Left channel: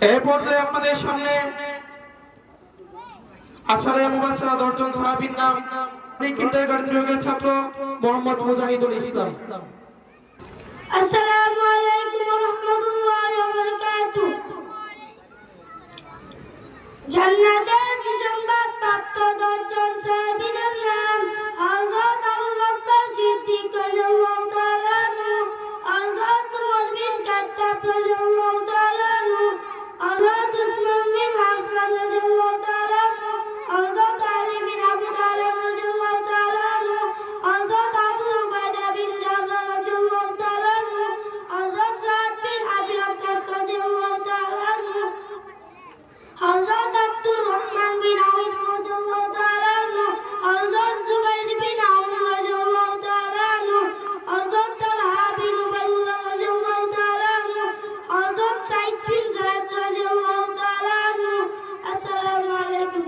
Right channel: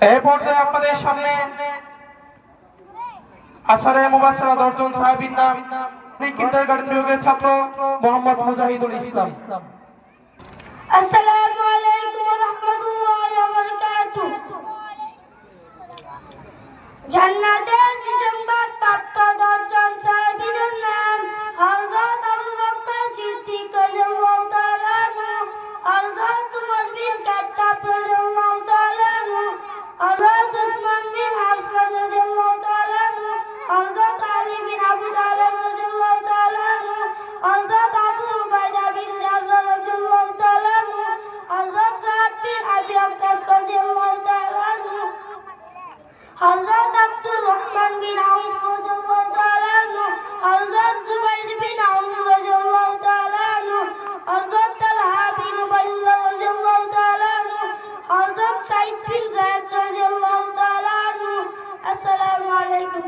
এই পর্যায়ে আপনাদের সামনে আসারে মুবাশশারা 10 জন সাহাবীর নাম, কিন্ডারগার্টেন বিভাগের ছাত্র মোহাম্মদ মুজাহিদুল ইসলাম। আসসালামু আলাইকুম ওয়া রাহমাতুল্লাহি ওয়া বারাকাতুহু। জান্নাতের সুসংবাদ প্রাপ্ত 10 জন সাহাবীর নাম: হযরত আবু বকর সিদ্দিক রাদিয়াল্লাহু তাআলা আনহু, হযরত উমর বিন খাত্তাব রাদিয়াল্লাহু তাআলা আনহু, হযরত উসমান বিন আফফান রাদিয়াল্লাহু তাআলা আনহু, হযরত আলী বিন আবু তালিব রাদিয়াল্লাহু তাআলা আনহু, হযরত আবু উবাইদা বিন জাররাহ রাদিয়াল্লাহু তাআলা আনহু, হযরত সাদ বিন আবি ওয়াক্কাস রাদিয়াল্লাহু তাআলা আনহু, হযরত আব্দুর রহমান বিন আউফ রাদিয়াল্লাহু তাআলা আনহু, হযরত জুবাইর বিন আওফ রাদিয়াল্লাহু তাআলা আনহু, হযরত তালহা বিন উবাইদুল্লাহ রাদিয়াল্লাহু তাআলা আনহু, হযরত সাঈদ বিন যায়েদ রাদিয়াল্লাহু তাআলা আনহু। আসসালামু আলাইকুম।